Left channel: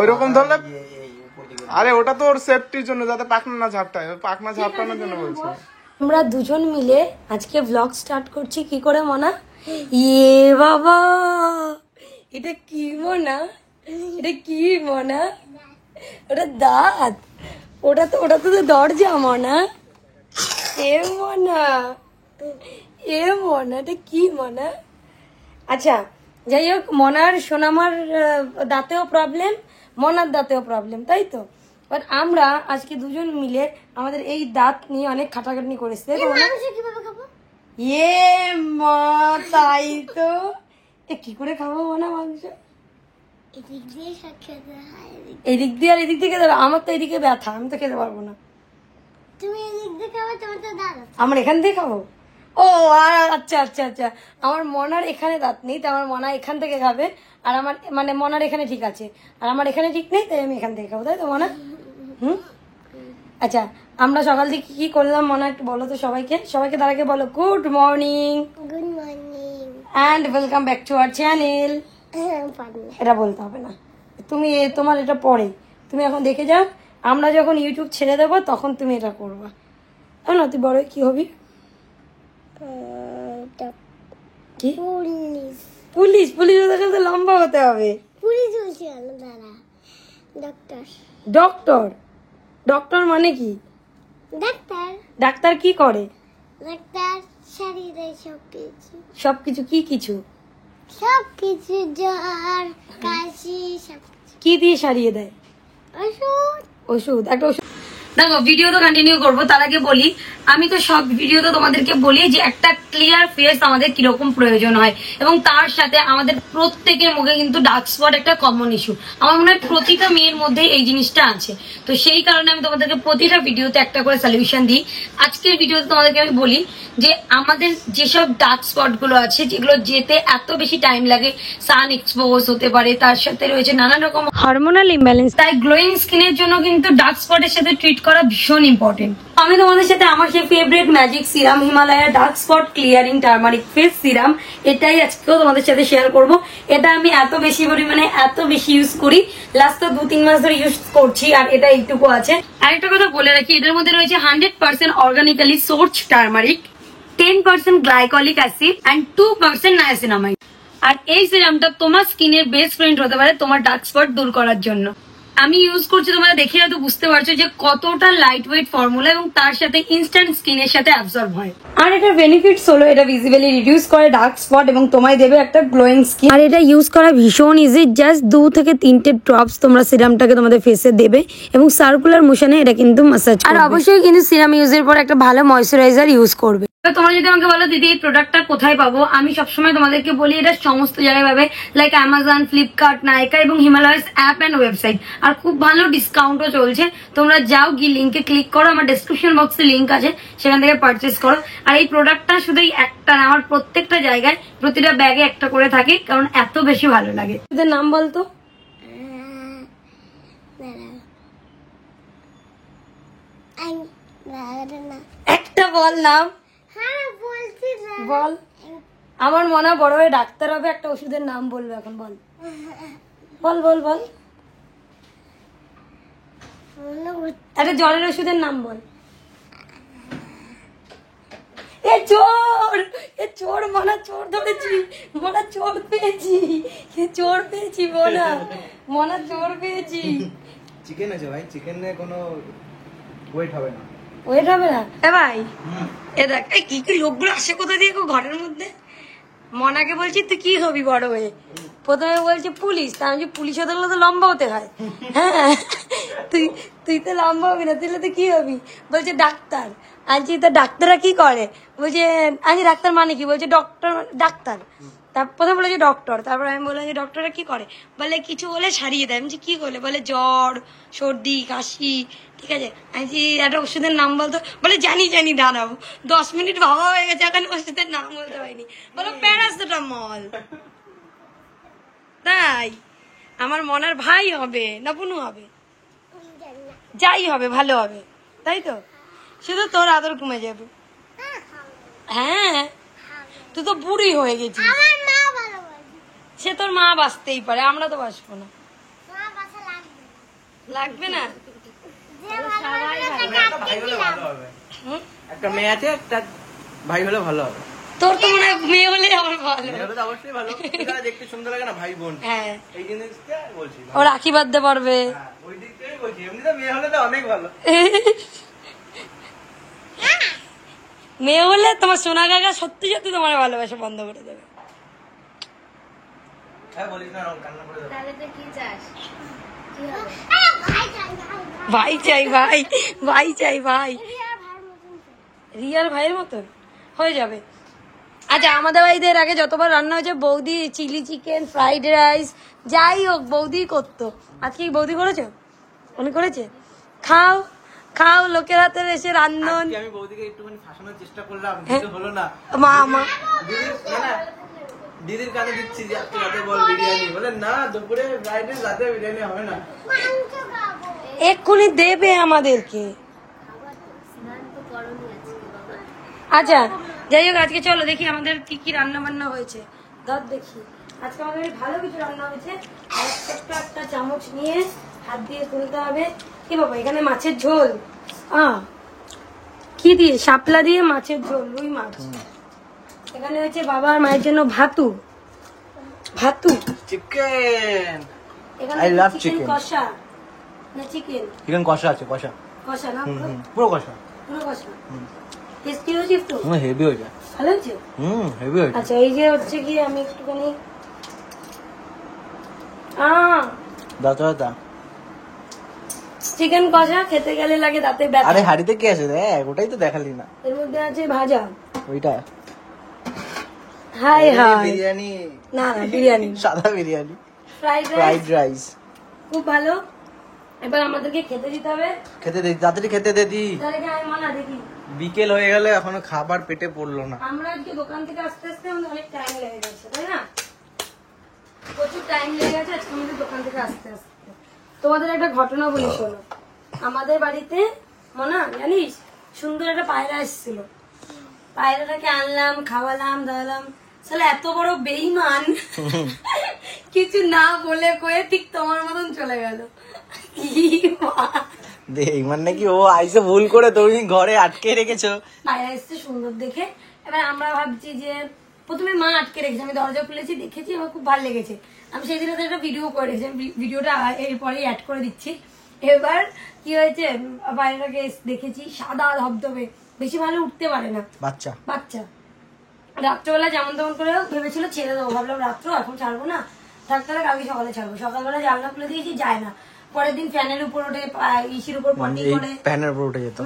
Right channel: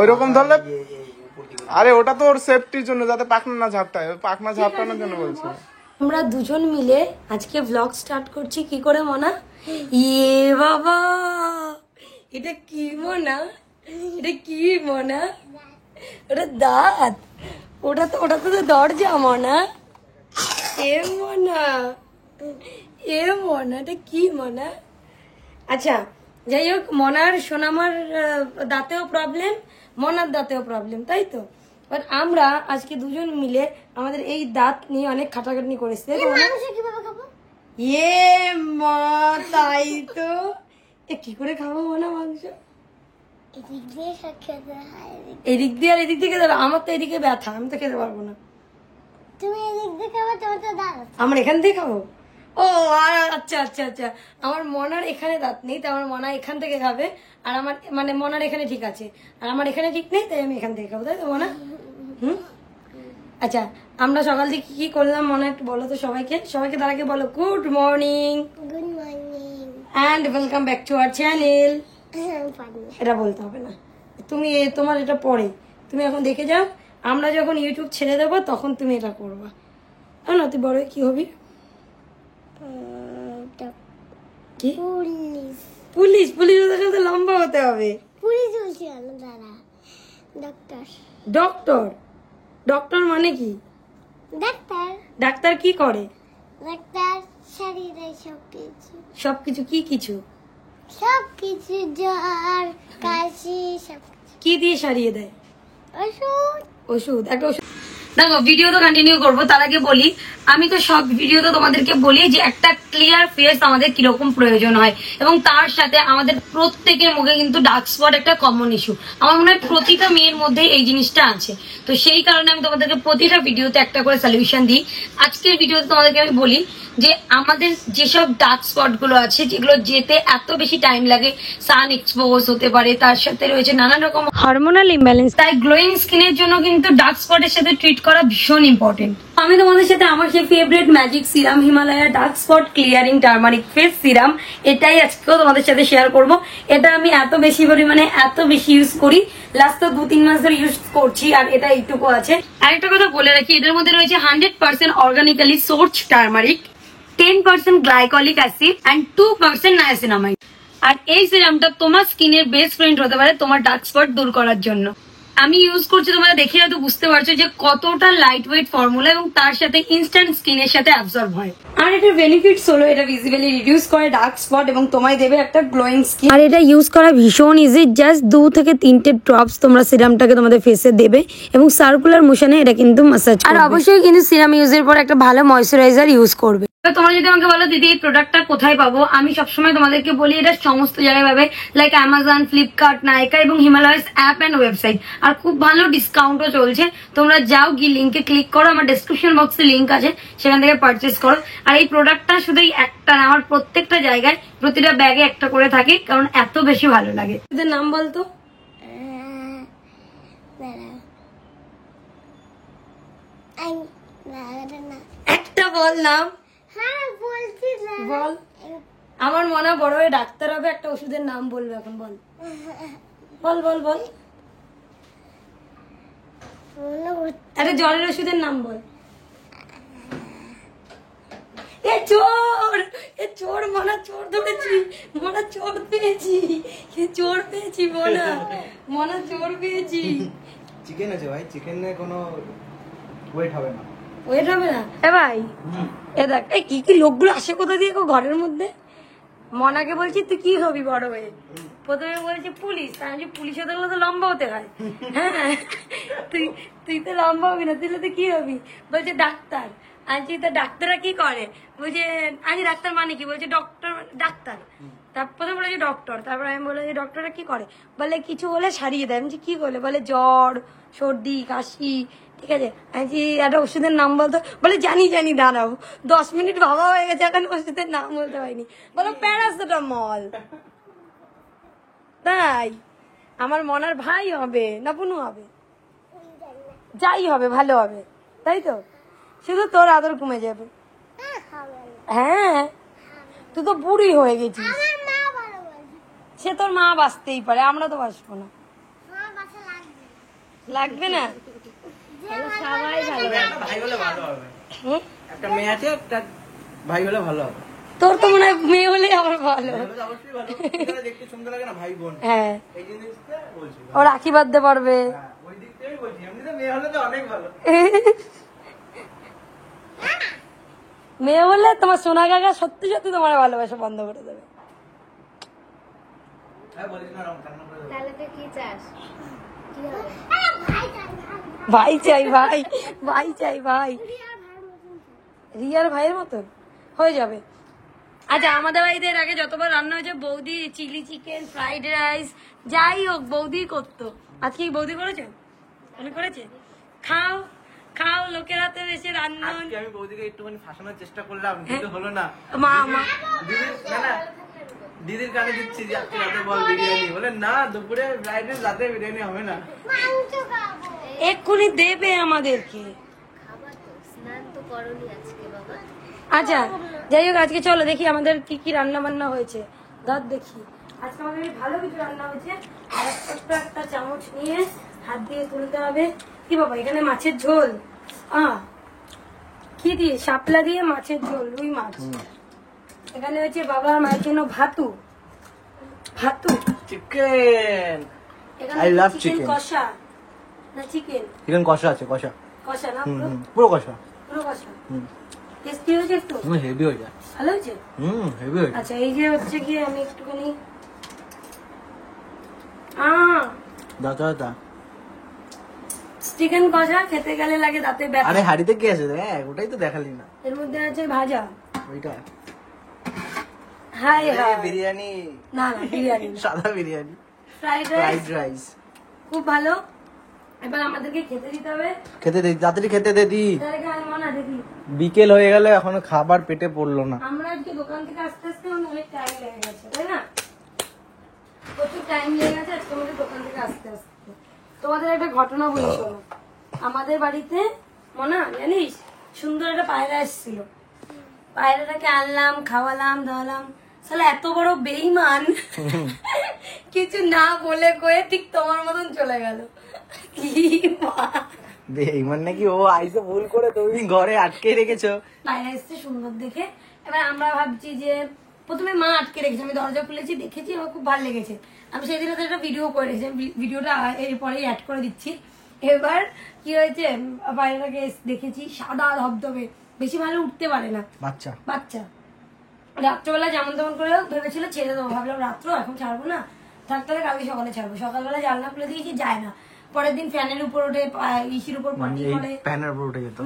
ওইরকম ধরলে, আরে ওটা তো ওর সেফটির জন্য, যাতে পাখনা না ঝাপটায়, পাখনা ঝাপটানোর জন্য বলছে। আমরা দুজন মিলে আজকে ব্লগ স্টার্ট করছি। কি করে মনা? ইয়ে বাবা, এটা কি মনা? এটা কি মনা? ওটা দাঁত, ওটা তো দরজা মনা। এ মনা, এ মনা, এটা কি মনা? আচ্ছা যাই হোক, মনার সোনামার দাঁতেও প্রবলেম, মনার দাঁতেও প্রবলেম, তাই তো? বাট আমরা আজকে দুজন মিলে আমাদের এই দাঁত নিয়ে অনেক খাটাখাটনি করেছি। ইয়ে মা, তাই তো। কি করে খাবো মনা মাংস? এদিক দিয়ে আর এদিক দিয়ে খেতে হবে? আমার তো এদিকে ব্যথা, আমি তো খেতে পারবো না। তুমি এদিক দিয়ে খাবে, তোমার তো দাঁত। আমার এখান দিয়ে খাবো? ও আচ্ছা আচ্ছা আচ্ছা, আমার মনার এখানে দাঁত নেই, তাই আমার মনা এখান থেকে খাবে, আর আমার মানে মনার এখানে ঠিক আছে, আর আমার এখানে ঠিক নেই, তাই আমি এখান থেকে খাবো, তাই তো মনা? আচ্ছা, আমরা সকাল থেকে কি করলাম মনা একটু বলো তো সবাইকে। তার আগে বলো good morning. Good morning and welcome back to our channel. এটা বলতে হবে না, তুমি তোমার এটা পরে, তুমি এখন দেখে যাও। আমরা যখন ইউটিউব ছেড়ে দেবো তখন তুমি এটা করবা। না তুই বড় কি হবি? কি? পুলিশ? পুলিশ হতে গেলে তো লম্বা হতে হবে। পুলিশ বলছি দাদা, ডক্টর। ডক্টর? ডক্টর মানে কি? ডাক্তার। ডাক্তার কি করে? ডাক্তার সারিয়ে দেয় সবকিছু। সবকিছু? কি কিছু? সবকিছু, জ্বর কাশি সব। কি দিয়ে সারিয়ে দেয়? ওষুধ। ওষুধ? একটা ওষুধ। দেখো ভিডিও তো কন্টিনিউ করবো, তার আগে বলি, আমি তো সব ভিডিওতে তোমাদেরকে বলি যে একটা ক্লিয়ার ফেস আমাদের কিরকম প্রয়োজন হয়, এবং তার সাথে আমাদের প্রত্যেকের মুখে কিন্তু ডার্ক স্পট একটা কমন ইস্যু। আমার মনে হয় প্রতিটা মেয়ের মধ্যে এই জিনিসটা আছে। তো সেই কারণে আমি তোমাদেরকে প্রতিটা ভিডিওতে একটা করে সলিউশন দিই। আজকের ভিডিওতে তোমাদেরকে আমি বলি যে আমাদের যেসব ডার্ক স্পট গুলো আছে, যেগুলো যেতে এত বেশি টাইম লাগে, সান এক্সপোজ হতে পারে, তার সাথে রয়েছে নানান রকম হরমোনাল ইমব্যালেন্স, তাই গ্লোয়িং স্কিনের জন্য কিন্তু ডার্ক স্পটের সাথে ট্রিট করা ভীষণ ইম্পর্টেন্ট। আমি তোমাদের সাথে আমার সেই favourite magic serum Himalaya dark spot clearing turmeric face serum, এটাই আজকেও তোমাদের সাথে শেয়ার করব। এটা আমি এত বেশি পরিমাণে এত বেশি ইউজ করি, লাস্ট তো 2-3 মাস ধরে ইউজ করছি, আর এটা এইটুকু আছে। আরেকটা কথা বলে রাখি, এটার মধ্যে রয়েছে 100% organically source turmeric, 10% glycolic acid and 2% niacinamide. আর এই সিরামটা তোমার স্কিনের বেস্ট ফ্রেন্ড হতে পারে তোমার ডার্ক স্পট দূর করার জন্য। আমি ইউজ করছি, তোমরা দেখে হয়তো বুঝতে পারছো যে কতটা লাইট ওয়েট ফর্মুলা, এবং তার সাথে ইনস্ট্যান্ট স্কিনের সাথে অ্যাবজর্ব হয়। আর এটার বেনিফিটস হলো এটা ভিজিবলি রিডিউস করে ডার্ক স্পট এবং তোমায় দেবে একটা গ্লোয়িং স্কিন। আর এটা ইউজ করা ভীষণ ইজি, জাস্ট 2 থেকে 3টে ড্রপস তোমরা সিরামটাকে তোমাদের ফেসে দেবে এবং সার্কুলার মোশনে এটা কিন্তু ম্যাসাজ করবে। আর অবশ্যই কিন্তু সিরাম ইউজের পর একটা ভালো ময়শ্চারাইজার ইউজ করবে। তোমরা যদি আমাকে বলো দিদি এই প্রোডাক্টটা কোথায় পাবো, আমি সবসময় তোমাদেরকে বলি এটা সমস্ত জায়গায় পাবে, লাইক অ্যামাজন, ফ্লিপকার্ট, নাইকা এবং হিমালয়াস অ্যাপ অ্যান্ড ওয়েবসাইট। আর খুব ভালো ডিসকাউন্টও চলছে, তোমরা যাও গিয়ে লিঙ্কে ক্লিক করো, আমার ডেসক্রিপশন বক্সে লিঙ্ক আছে, সেখান থেকে পারচেস করো। আর এই প্রোডাক্টটা শুধু একটা না, আমার প্রত্যেকটা জায়গায় প্রতিটা ব্যাগে একটা করে থাকে, কারণ এত বেশি ভালো লাগে। তোদের নাম বলতো? একটা বল নাম। বল। আমার মনে হয় বড় হয়ে ডাক্তার হবে, একটা ওষুধের নাম বলবে এখন, বল বল বল বল। একটা জ্বরের ওষুধের নাম বল। এ চোর, এ চোর, মনা চোর ধরেছি, মনা চোর পেয়েছি, চোর পেয়েছি মনা, মনা চোর পেয়েছি। চিকেন আছে ভাই, চিকেনে কোনো ওয়েট হবে না। ওয়েট হবে না? এ ভাই এ দেখ, এই কি কি লোকগুলো আসে কোথা দিয়ে ঘরের মধ্যে। মনাকে বলছি তুই কি হবি বড় হয়ে, প্রথমে বলছে পুলিশ, তা আমি পুলিশ হতে গেলে তো লম্বা হতে হয়। হ্যাঁ তুই তো লম্বা হবি না, তুই তো কি হবি? বলছে ডাক্তার। আনছি তো ডাক্তাররা কি করে? বলছে আমি ডাক্তার মানে কি? বলছে ডক্টর, ডাক্তার। তারপর প্রথমে বলেছে ডক্টর, তারপর আমি বললাম যে ডক্টররা কি করে? বলে কিছু হলে সারিয়ে দেয়। আমি কি করলে? বলে জ্বর, সর্দি, কাশি। ঠিক আছে, আমি একটা ওষুধের নাম বলতো। বলে জানি জানি, দাঁড়াও 10 মিনিট ভাবা হয়ে গেছে, এখন ওষুধের নাম বলতে পারিনি। বলো প্যারাসিটামল। তাই আমার মনার ভাই হবে না বুনু হবে? যাই হবে ভালো হবে, তাই তো? শুধু তোর আদর কমে যাবে। হ্যাঁ তুই তো বুড়ি হয়ে গেছিস। সে তোর মা বাঁচতেই পারে, আমরা তো বাঁচবো না। তোমার বাসা লাগবে না। লাগবে না? যে ভালোবাসবে তাকে ভাই হলে ভালো হবে। হুম? একটা মেয়ে আছে, একটা ভাই হলে ভালো হবে। তোর তো মনে হয় মেয়ে হলে আমার ভালো। মেয়ে হলে তো অবশ্যই ভালো। এরা দেখতে সুন্দর লাগে না, ভাই বোন। হ্যাঁ, এই জিনিসটা বলছি। ও রাখি বাঁধতে পারবে। হ্যাঁ, ওই দিক থেকেই বলছি। এমনিতে মেয়ে হলে তো অনেক ভালো। মেয়ে হলে তোমার সোনা কাকা সত্যি সত্যি তোমার ভালোবাসা বন্ধ করে দেবে। হ্যাঁ, বলিস না, রং কান্না করে দেবো। তাহলে তো কি চাস? ভাই চাই না, ভাই চাই, ভাই ভাই চাই, ভাই রিয়ার ভাইয়ের মতন হয়ে যাবে। আচ্ছা, আমাদের বাড়িতে এর আগে যতবার রান্না হয়েছে বৌদি চিলি চিকেন, ফ্রাইড রাইস, যাই হোক বৌদি করতো। আজকে কি বৌদি করেছে? উনি করেছে? খাও খাও, লোকের হাতে এসে রান্ধন। আজকে আমি বৌদিকে একটুখানি ফাঁসানোর চেষ্টা করলাম, কিন্তু হলো না। মা মা দিদির না দিদির কানে দিচ্ছি যে আজকে রাতে বল বিরিয়ানি, বলে না দুপুরে ফ্রাইড রাইস, রাতে বিরিয়ানি হবে না। মাংস খাবো। এক্ষুনি দেবে আমাদেরকে। আচ্ছা যাই হোক, আজকে চলো দেখি আমাদের কি কি রান্না বান্না হয়েছে। দাঁত দেখি, আজকে আমাদের বেশ ভালো কিছু রান্না হয়েছে। আর একটা চামচ নিয়ে হাত দিয়ে তুলতে হবে। কি বাবা, এখানে মাছের ঝোল, কি দিয়ে? শাপলা দিয়ে মাছের ঝোল, রুই মাছ। এখানে হচ্ছে বাবা আর মায়ের জন্য ভাতু ভাতু। চিকেন, এখানে I love চিকেন chicken. কষা না চিকেন চিকেন কষা আছে, কষা। কষা না পুরো কষা। পুরো কষা। টেস্টি হয়েছে একটু? হেভি হয়ে যায়। ভালো হয়েছে। হেভি হয়ে যায়। আচ্ছা, এই যে হচ্ছে কি আমি একটুখানি দাঁতা চিকেন কষা খেতে গেলে লাগে দাঁতে ব্যথা। আরে হাড়িতে কি আছে দেখ, ওটাই তো দেখালি না। এর মধ্যে আছে ভাজা, ওইটা হাই হাই বিরিয়ানি, না না বিরিয়ানি, সাদা biryani, fried fried rice, rice. খুব ভালো। এবার আমাদেরকে খেতে দিতে হবে। খেতে দে, তাড়াতাড়ি খেতে দে দি। তাহলে কি আর মানা দিদি? বিকেল হয়ে গেলে এখনো খাবার পেটে পড়লো না। আমরা আজকে দোকান থেকে আসতে আসতে আমাদের অনেক টাইম লেগে গেছে, তাই না? প্রচুর টাইম লেগে গেছে আজকে আমাদের দোকান থেকে আসতে আসতে। তোমাদের একটা ঘটনা বলি শোনো। আমাদের বাড়িতে মনে জানিস সুন্দর একটা পায়রা এসেছিল। পায়রাটাকে আনলাম, খাওয়ালাম, দাওয়ালাম। সালা এত বড় বেইমান, কিছু না বলে কয়ে ঠিক তোমার মতন চলে গেল। দেখ মানে কি ও আইসে ভুল করে তুমি ঘরে আটকে রেখেছো। পায়রা এসছে সুন্দর দেখে। এবার আমরা ভাবছি যে প্রথমে মা আটকে রেখেছে, আমি দরজা খুলেছি, দেখেছি, আমার খুব ভালো লেগেছে। আমি সেই দিন একটা ভিডিও করে রেখেছি, ভিডিওটা এরপরেই অ্যাড করে দিচ্ছি। এবার কি হয়েছে, পায়রাটাকে দেখেছি সাদা ধবধবে, বেশি ভালো উঠতে পারে না, বাচ্চা বাচ্চা। রাত্রবেলা যেমন তেমন করে ভেবেছিল ছেড়ে দেবো, ভাবলাম রাত্র এখন ছাড়বো না, থাক তাহলে কালকে সকালে ছাড়বো। সকালবেলা জানলা খুলে দিয়েছি, যায় না। পরের দিন ফ্যানের উপর ওঠে, ইসির উপর পটি এই করে, প্যানের উপর উঠে যেত।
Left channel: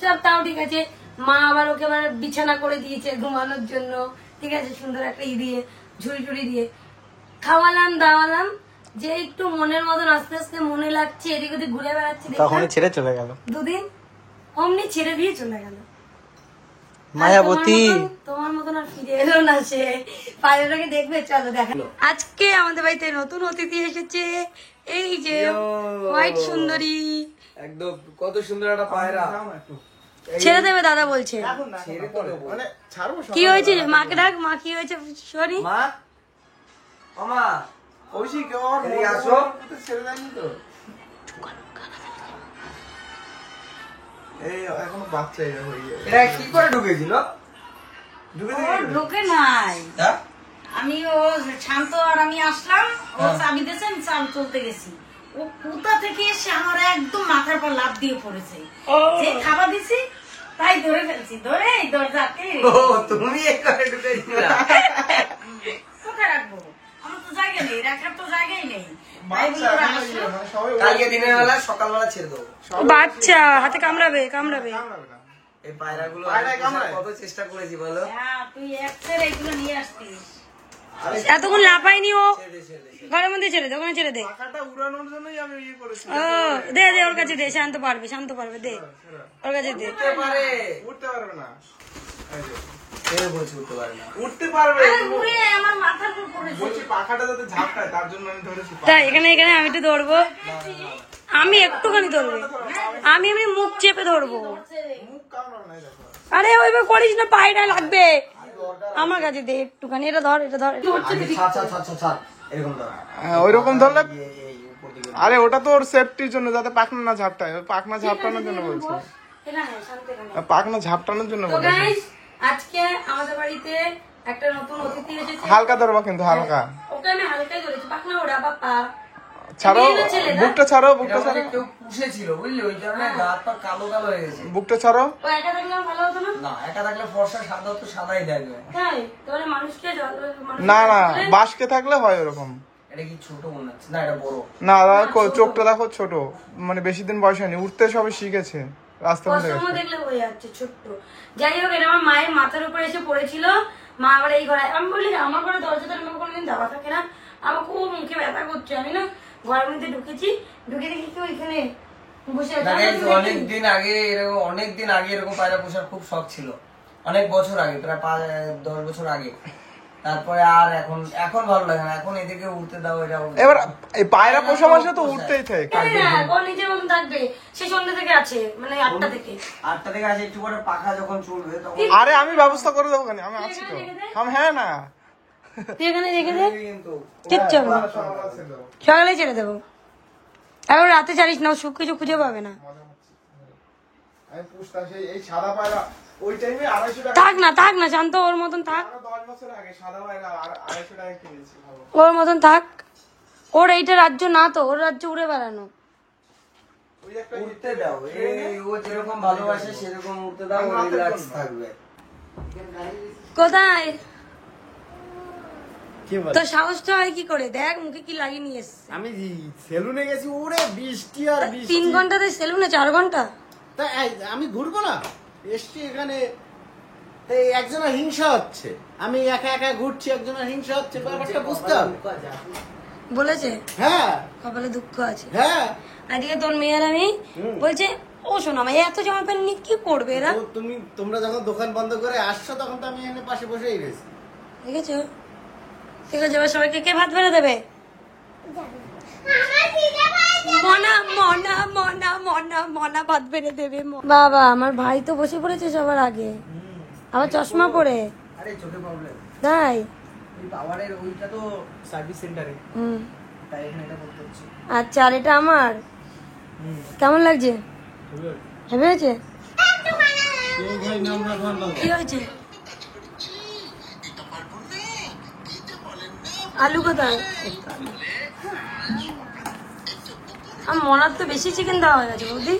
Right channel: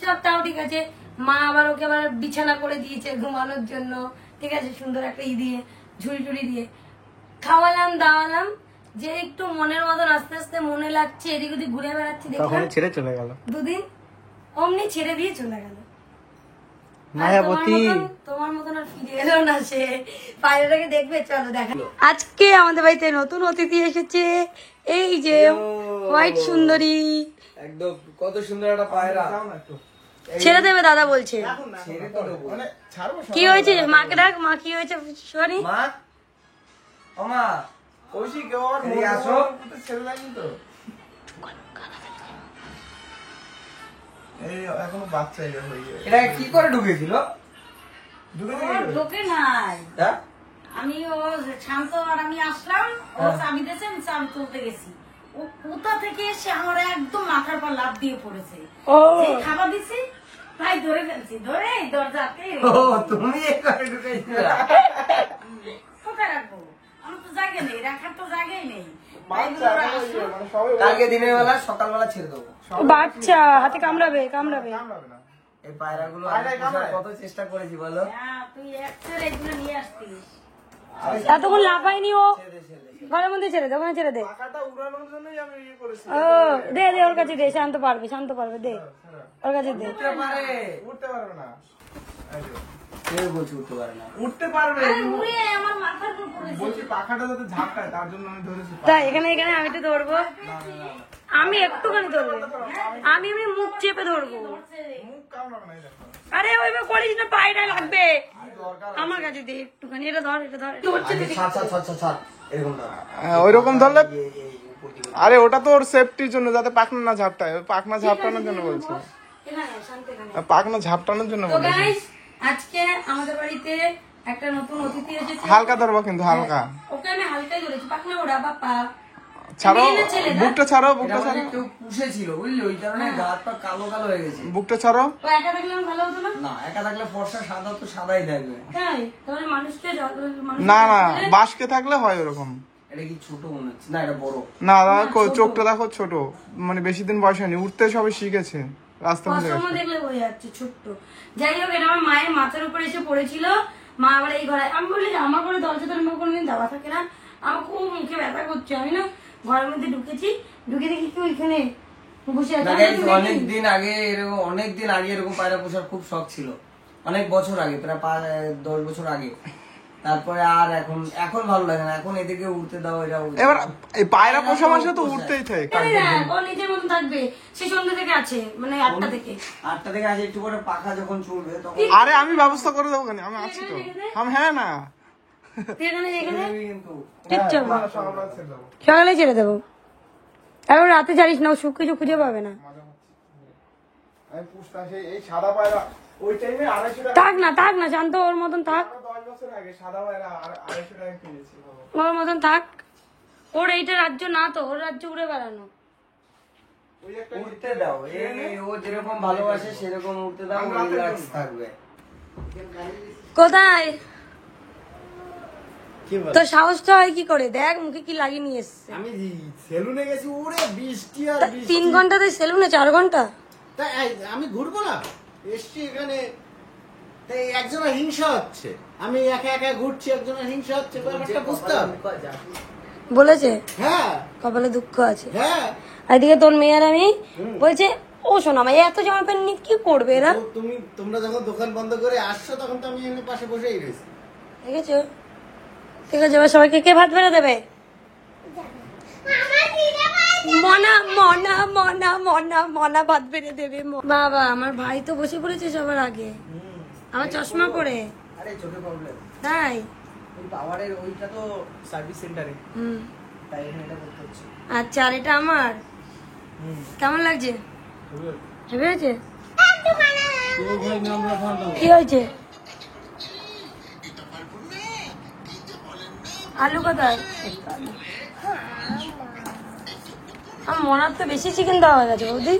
সব তাও ঠিক আছে। মা আবার ওকে আবার বিছানা করে দিয়েছে ঘুমানোর জন্য, ঠিক আছে, সুন্দর একটা দিয়ে ঝুড়ি টুড়ি দিয়ে খাওয়ালাম দাওয়ালাম। যে একটু মনের মতন আস্তে আস্তে মনে লাগছে, এদিক ওদিক ঘুরে বেড়াচ্ছে, তখনই ছেড়ে চলে গেল। দুদিন অমনি ছেড়ে দিয়ে চলে গেল। মায়াবতী। তোমার মতন আর ফিরে এলো না সে। পায়রাটাকে দেখবে, চলো দেখা। আজকে আমাদের বাড়িতে নতুন অতিথি এসেছে, এই যে হোয়াইট সুন্দরী। একদম কত সুন্দর একটা পায়রা। ছেড়ে দেবে দাদা বলছে। মানে ছাড়বো কি হয়েছে? মাকে ডাক, মা কি হয়েছে সরি। মা, ও মা, কৌশিক কেউ আমার এদিকে আসো। ছেড়ে দেয়নি তো। এই এখনো বাচ্চা হয়ে গেছে। এটা কি করে ঢুকেছিল? ঢোকে নাই। হ্যাঁ? আমি ও শান্ত আর আমি আসলাম, ও চাবি দিয়েছে, আমি চাল তুলতে গেছি। ও কোথা থেকে এসে আমার একদম মাথার পর লাফ দিয়ে পড়েছে। যে খাবার দিছি তাই ধরে ফেলছি, ধরে এই দরজাতে ও তুমি এখানে ঢুকেছিলা? কোথায় রাখবো? আমার তো জায়গা নেই, রাখার তো জায়গাই নেই। তাই বলে ওরা আসলো। মানে সবাই কালকে দিনের বেলা সকালবেলা ছেড়ে দেবো। বাচ্চা হাতে কামড়াবে কামড়াবে। এই পায়রাগুলো পায়রায় কামড়ায়? কত চেষ্টা করেছি বলো। হ্যাঁ, তুই একসের এগুলো নিয়ে আসতিস। এতক্ষণ লাফায়নি ও, ঘরের মধ্যে ছেড়ে দে, ওখানে ছেড়ে দে। টাকাটা উড়ানোর জন্যই আমি ইয়ে করেছি। ও দে দে, ওর কাছে দে, শান্ত পারবে, শান্ত পারবে, দে ওর কাছে দে। উঠতে পারে, উঠতে পারবে না। এই যে, কেউ বলছে উঠতে পারে না। উঠতে পারবে কিন্তু উড়ে আমার মাথার উপর পড়েছে। বলছি পাখাটা যাতে ঝাপটায় তার জন্য আমি ধরেছি। তাই এখানে এখানে আমি একটু ধরবো, আমি একটুখানি ধরবো, আমি এমনি মুখ চেপে ধরবো। মুখ কামড়াবে না, এই দেখো। আরে ওইভাবে করিস না, পায়রা লাগবে। আমার কাছে দে একটুখানি, এটা ধর, এটা ধর। ছাড় ছাড় ছাড় ছাড়। এরকম না ওইরকম ধরলে এই উপর দিকে আরে ওটা তো ওর সেফটির জন্য যাতে পাখনা না ঝাপটায় পাখনা ঝাপটানোর জন্য বলছে এখানে, শান্ত এখানে। পাখনা ঝাপটানোর জন্য তো বলেছে guys, আজকে আমাদের বাড়িতে একটা নতুন অতিথি এসেছে। হালকা ধরবো কিন্তু হালকা ওকে আমি হালকাই ধরেছি, পাখনা ওরা বাপ্পা। ছাড়ো মেয়ে না ছেলে না? বুকটা ছাড়ো এটা বুকটা আমাদের ছাড়ো কেউ পুষেছিল বুঝলি ওই কারণে গা হাত পা কালো কালো হয়ে গেছে বুকটা ছাড়ো ও একা থাকলে আমার ভালো হতো না? না একা থাকলে ফর্সা সাদা তো সাদাই দেখবে তাই? তাহলে মানুষকে না না বাসকে থাকলে হয় ওরকম এটা কি ছোট মনে হচ্ছে না এটা বড় না দেখো চোখটা দেখো ছোট মানে বেশি দিন বয়স হয়নি উঠতে সবে শিখেছে রাস্তা ভুলে কসমো গেছে দেখলে হয়ে যাচ্ছে ছোট্ট। যাই হোক, এটা আমার মায়ের মাথার উপরে এসে পড়েছিল। মা আবার এই ঘরে, আমি বলি আমার ঘরে দরজা তো আমার কোনোদিন দেওয়া থাকে না, আমার খুব মুখে ব্যথা করছে। আমি না ঘরের মধ্যে ঢুকেছি, ঢুকে দেখি কি ওইখানে বসে আছে। অনেকদিন আগে এরকম পায়রা পোষার খুব শখ ছিল অনেক বছর আগে প্রায় 10 বছর আগে তারপরে আর এখন ভালো লাগে না এখন এদিকে উঠতে দাও এটা এবার এই পায়রা পোষা মাসে তো উঠতেই থাকে কেন না, ও নিজের মতো থাকবে। সে সন্ধ্যে থেকে আছে, মানে 8টা থেকে। 8টা থেকে আসে একটু করে পাখা যখন চলবে তখন আরে আমি ব্যবস্থা করে দেবো কেন আমি আছি তো হ্যাঁ না তুই এখানে রেখে দে, কিন্তু কিচ্ছু হবে না। সকালে ছেড়ে দেবো, এখন রাতে ছাড়িস না, ও সুখ কিছু খুঁজে পাবে না। আমি পুষতাম সেই এই সাদা পায়রা ওই টাইমে 250 টাকা থাক না শান্ত, ওর মতন থাক, 10 বছর আগে সাদা পায়রা 250 টাকা কিনেছি ওর মতন থাক। ওর এইটা রাজ্য না তো, ওর রাজ্য উড়ে বেড়ানো। ওই একটা উঠতে দাও এই ও যেরকম ভালোবাসে সেরকম উঠতে দাও ও রিল্যাক্স থাকবে কোথায় কি বল তোর সাহসটা হয় কি করে? দেখ মুখে কি লাগিয়ে নিয়ে এসছে। আমি সেলুনে গেছি ওরে বৃষ্টি আর 3 ঘন্টাতে সেলুনে 4 ঘন্টা। তা আমি ঘুরবো না এসছি এখানে তো একজনের হিংসা হচ্ছে আমি একা একা ঘুরছি একজনের হিংসা হচ্ছে ব্যাপারটা বুঝতে হবে বলেছে হ্যাঁ কপালে দুঃখ আছে। হ্যাঁ আর এদিকে তোর মেয়ের আমি বলছে, ও শোনা ভাই এত জামা প্যান্ট নিয়ে কি করবে এরা? তো তোমরা যখন দোকান বন্ধ করে আসছো তখন তো আমি এখানে পাশে বসেই গেছি দেখেছো? ঠিক আছে, এবার সবাইকে কে ভাত বেড়ে দেবে? আমার খিদে পাইছে। মনা ভাত বেড়ে দেবে। বাবা আমার ভাই তো বসে পড়েছে সবার আগে, আমার চশমা পরে। আরে চোখে প্রবলেম তাই ওই পাওয়ারের ওইটা তো সার্ভিস সেন্টারে হুম, তাই এখানে এটা করতে হচ্ছে আচ্ছা। আর এটা আমার কেমন লাগছে? হেভি হয়েছে? কি হয়েছে? আলু কোথায়? আর মনার তো বেশি চিকেন দেওয়া হয়ে গেছে বৌদি।